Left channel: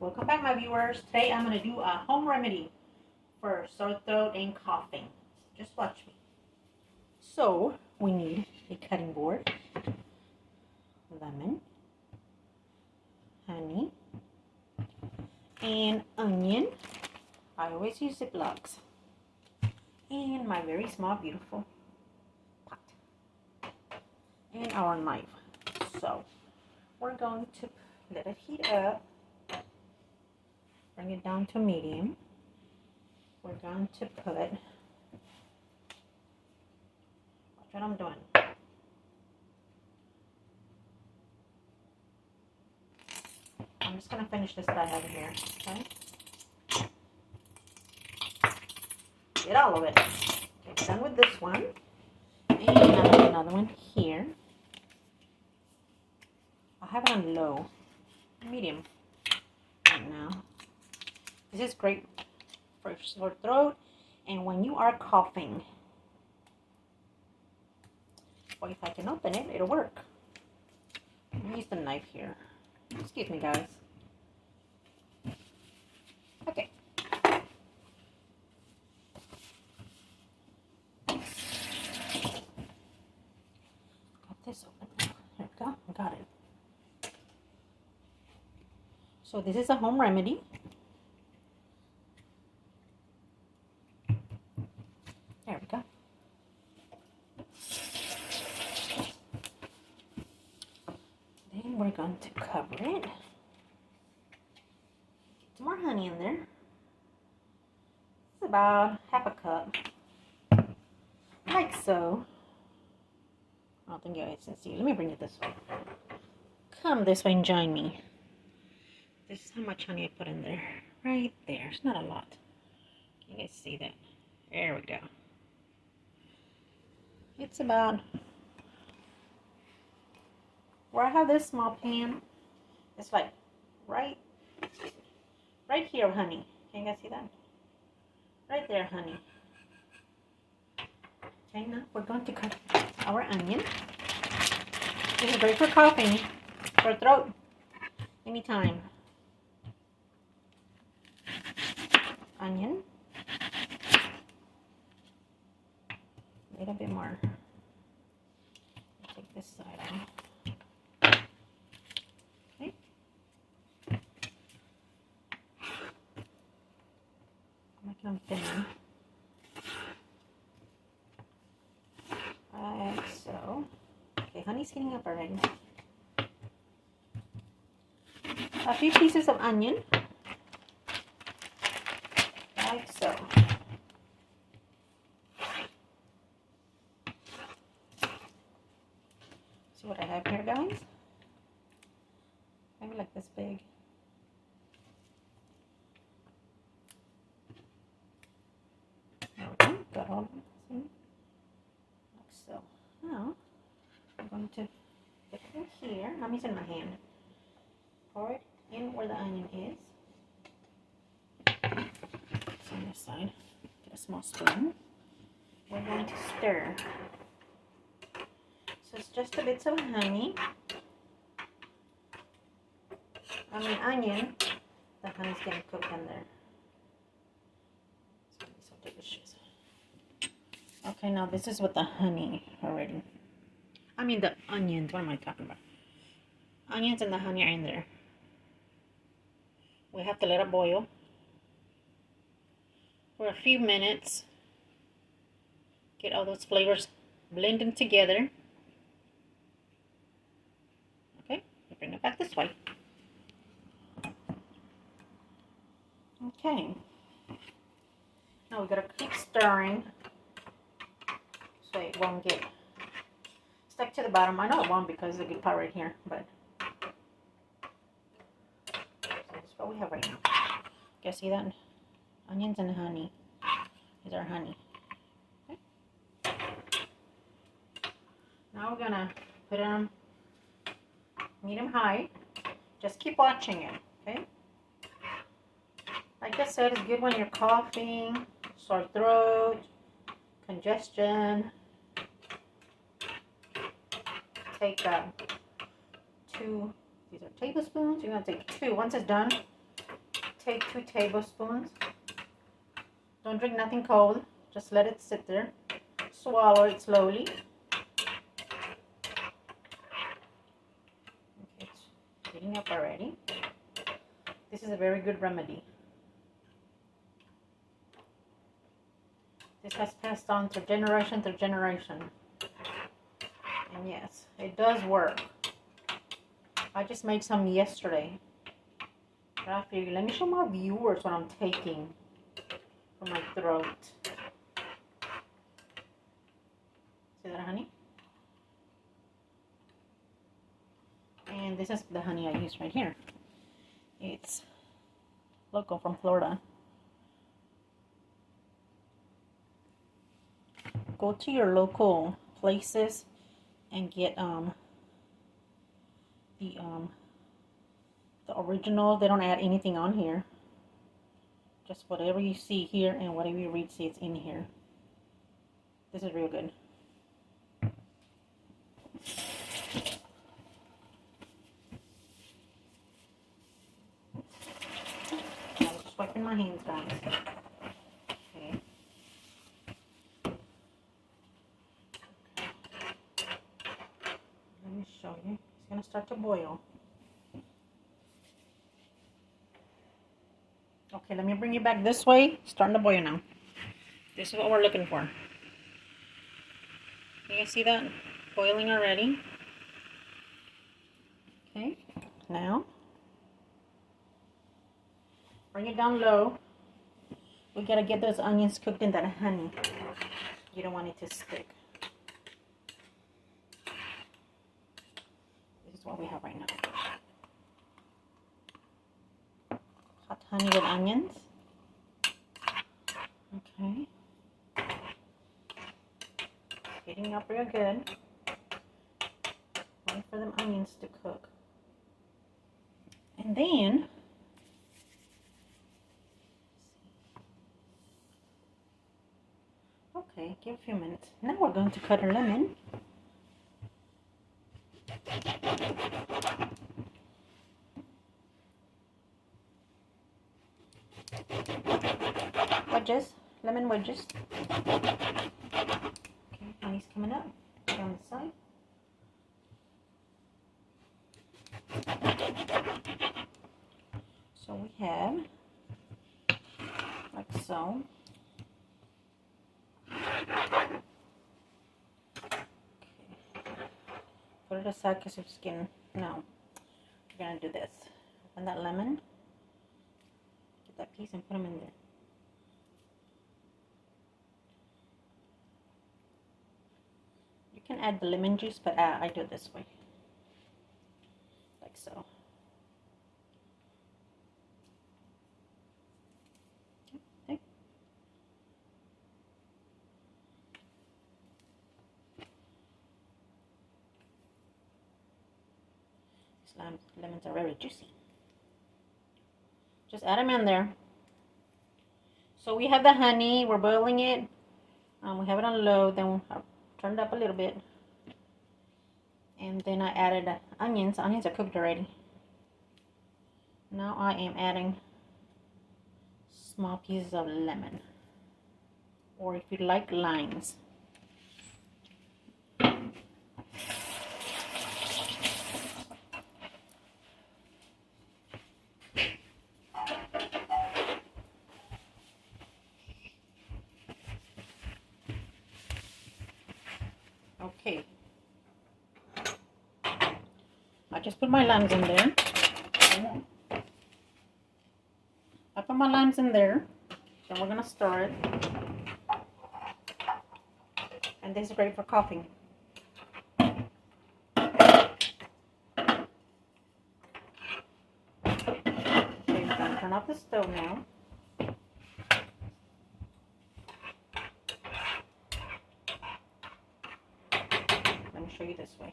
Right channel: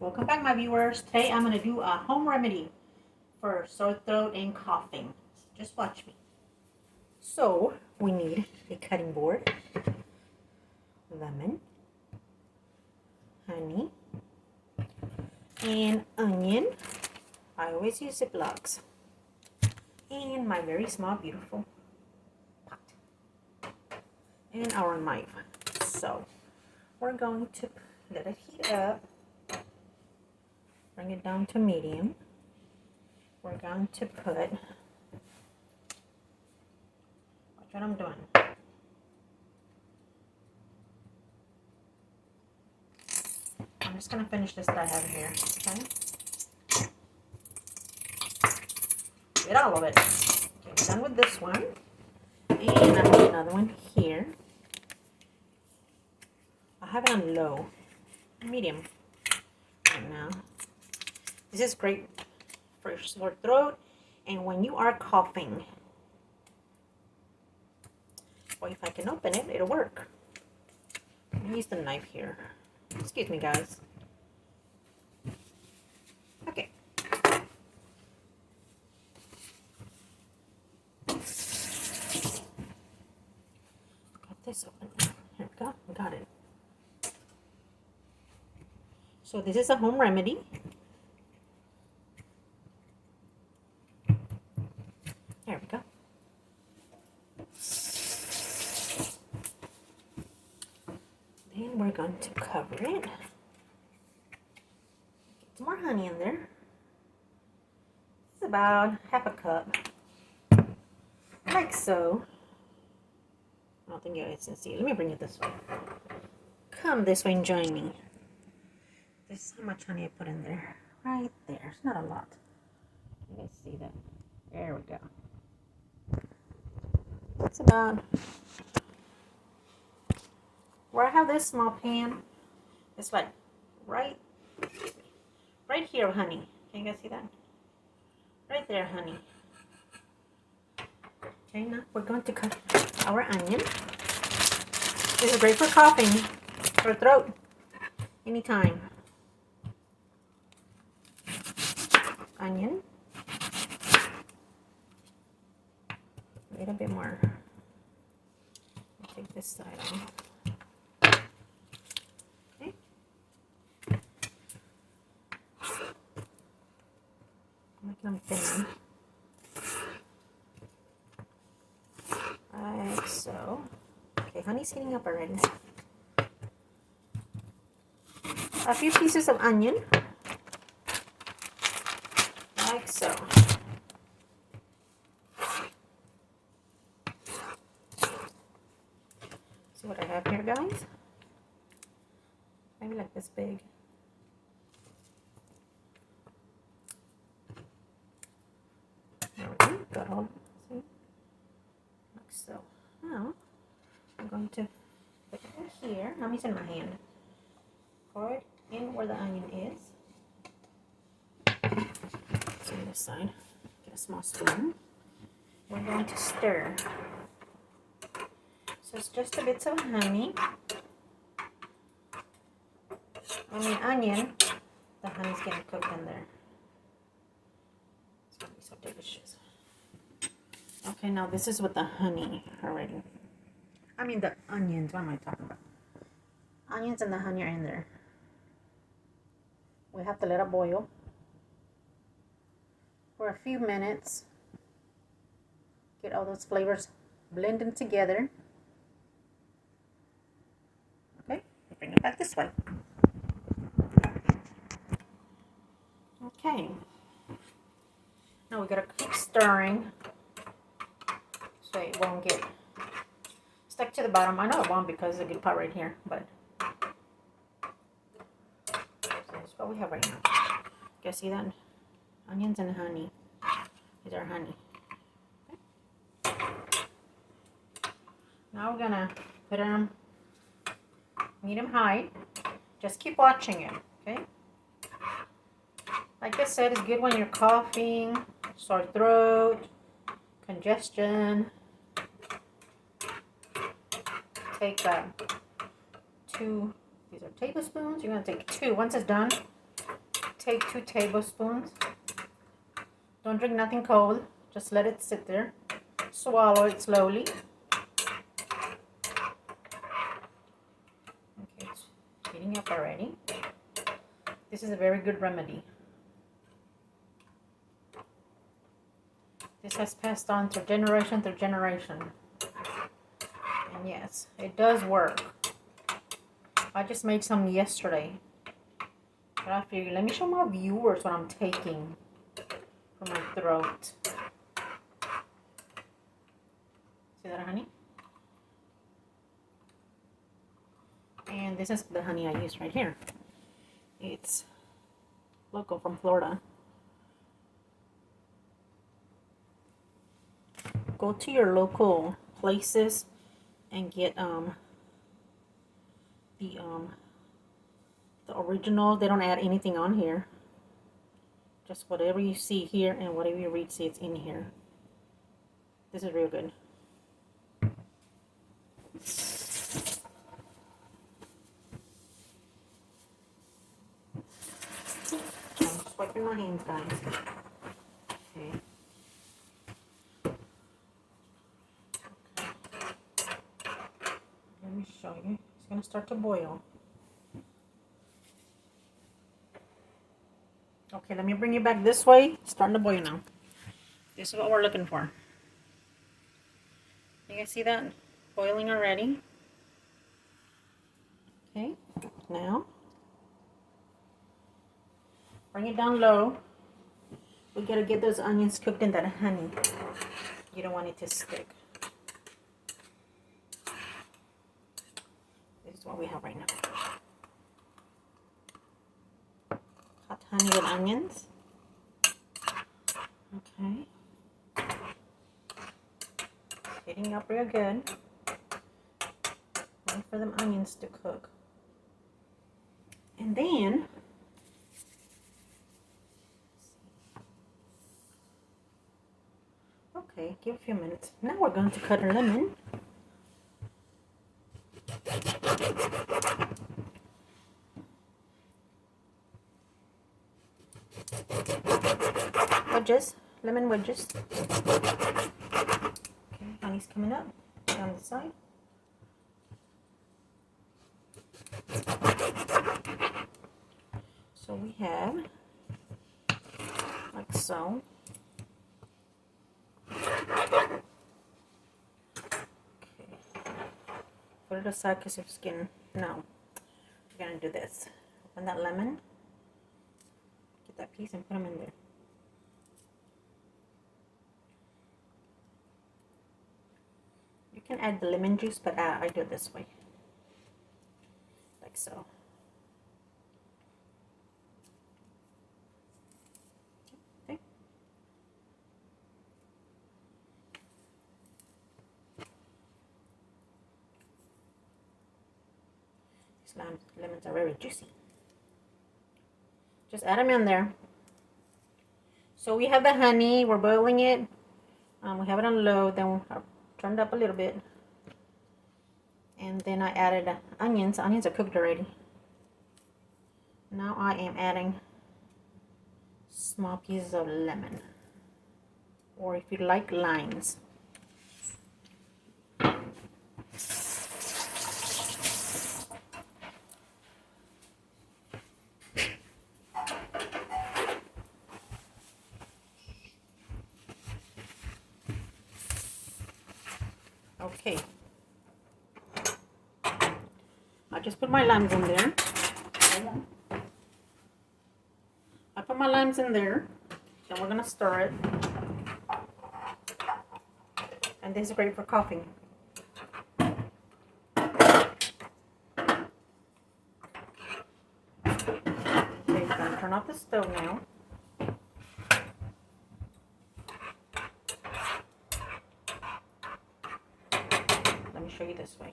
Welcome back, my viewers. Today I'm going to do a home remedy for sore throat and coughing. Just watch me. So we need a cutting board, lemon, honey, and onion. I always use Ziplocs. And my very small, beautiful pot. And our knife. So we're going to let it heat up. Bring it down to medium. We're going to put, watch what I'm doing. I'm just going to finish this that I have here, okay? Get all of it. Okay, done with this one. And I have another one here. I have it on low, medium right now. This is great for sore throat and when you are coughing. Well, if I can open it, it'll work. Use the knife here. Excuse me, guys. Okay. Got this open. Here we go. I got it. So this is a home remedy. There we go. Then we're going to cover it. Get some more honey in there. It's about half a cup. Like so. I don't think you guys can see. Let me bring it this way. Come this way and join me. This is how much honey I put in there. Right there. It's not a lot. You guys see that? There we go. It's about, where I have this small pan, it's like right here, honey. Can you guys see that? Right there, honey. Okay, now we're going to cut our onion. This is great for coughing, for throat, anytime. Onion. A little bit more. Take this side off. Okay. Make them thin. Like so. Okay, honey's heating up already. A few pieces of onion. Like so. See what I have here, guys? Maybe like this big. There we go. Got all. See? Like so. Now I'm going to put it in here. Let me use it in my hand. Pour it in where the onion is. So on this side, get a small spoon. We're going to stir. So it's just a bit of honey. Onion. The honey's getting cooked in there. It's going to be so delicious. Okay, now this is with the honey already. The onions. What am I talking about? Onions and the honey are in there. We have to let it boil for a few minutes. Get all those flavors blending together. Bring it back this way. Okay. Now we gotta keep stirring so it won't get stuck to the bottom. I know it won't because there's a good part right here, but that's what we have right now. You guys see that? Onions and honey. These are honey. Okay. Now we're gonna put it on medium high. Just keep watching it, okay? Like I said, it's good when you're coughing, sore throat, congestion. Take 2, these are tablespoons. You're gonna take 2. Once it's done, take 2 tablespoons. Don't drink nothing cold. Just let it sit there. Swallow it slowly. Okay, it's heating up already. This is a very good remedy. This has passed on to generation to generation. And yes, it does work. I just made some yesterday. But I figured, let me show my viewers what I'm taking for my throat. See that, honey? And this is the honey I use right here. It's local from Florida. Go to your local places and get the original. They don't add anything on here. Just whatever you see here and whatever you read, see it's in here. This is real good. I'm just wiping my hands, guys. Okay. Let me show you. It's going to start to boil. Okay, let me bring you back this way. It's starting to boil now. This is what we're looking for. You guys see that? Boiling already. Okay, now bring it down low. We gotta get those onions cooked in that honey. You don't want it to stick. This is what we have right now. Hot honey with onions. Okay. Heating up real good. Wait for them onions to cook. And then okay, give a few minutes. Now we're going to cut a lemon. Wedges, lemon wedges. Okay, honey's coming up on the side. So we have like so. Okay. Put it aside because it's getting, no. We're going to do this. Open that lemon. Get that piece and put them in there. You can add the lemon juice, but I do it this way. Like so. Okay. These lemons are very juicy. Just add them in there. So we have the honey. We're boiling it. We have it on low. Then I turned up a little bit. And then I added onions. Onions are cooked already. Now I am adding small pieces of lemon. Or if you like, limes. Okay. I just put my limes in there. I put my limes in there. Then we're going to stir it. And this is great for coughing. Okay, we're going to turn off the stove now. Let me show you this way.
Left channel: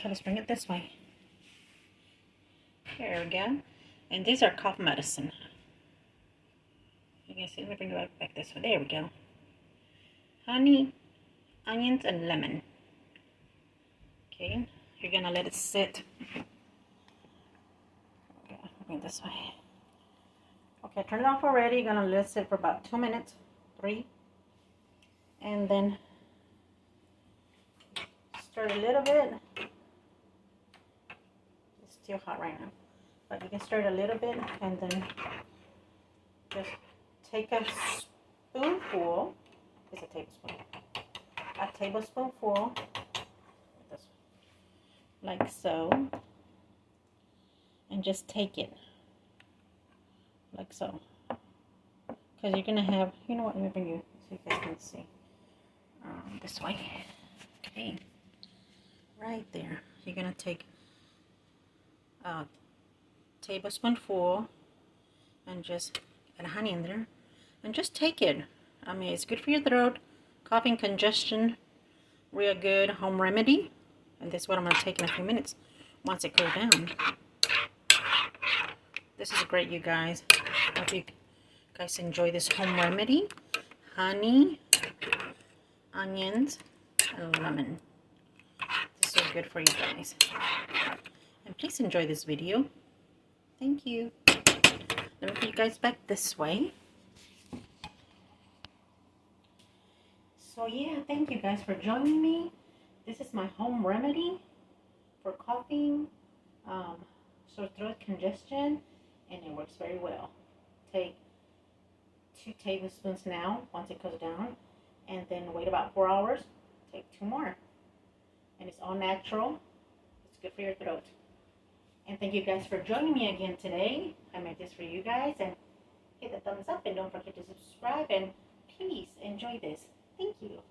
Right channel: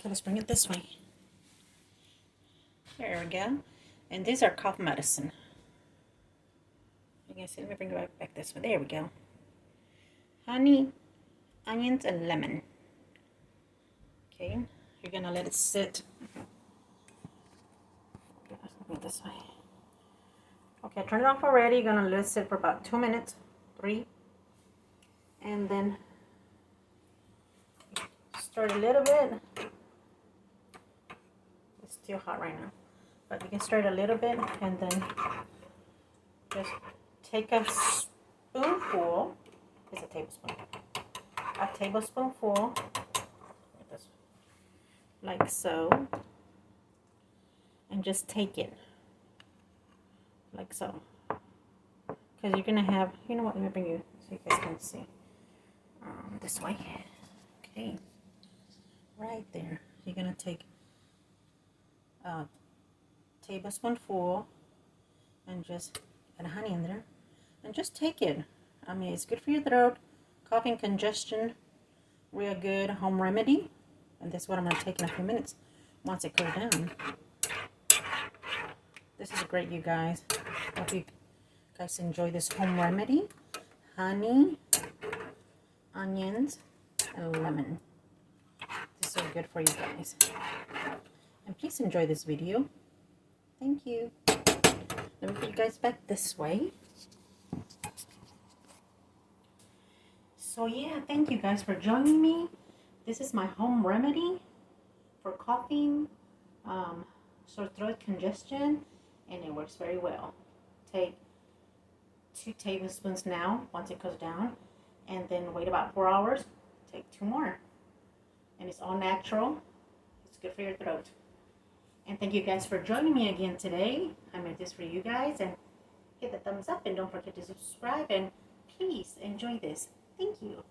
Okay, let's bring it this way. There we go. And these are cough medicine. You guys see? Let me bring it back this way. There we go. Honey, onions, and lemon. Okay, you're gonna let it sit it this way. Okay, turn it off already. Gonna let it sit for about 2 minutes, 3, and then stir it a little bit. It's still hot right now, but you can stir it a little bit, and then just take a spoonful. It's a tablespoonful, like so, and just take it like so, because you're gonna have, you know what, let me bring you so you guys can see, this way. Okay, right there. You're gonna take a tablespoonful and just add honey in there and just take it. I mean, it's good for your throat, coughing, congestion, real good home remedy. And this is what I'm going to take in a few minutes once it cools down. This is great, you guys. I hope you guys enjoy this home remedy. Honey, onions, and lemon. This is good for you guys. And please enjoy this video. Thank you. Let me put you guys back this way. So yeah, thank you guys for joining me. This is my home remedy for coughing, sore throat, congestion, and it works very well. Take 2 tablespoons now, once it cools down, and then wait about 4 hours, take 2 more. And it's all natural. It's good for your throat. And thank you guys for joining me again today. I made this for you guys, and hit the thumbs up, and don't forget to subscribe, and please enjoy this. Thank you.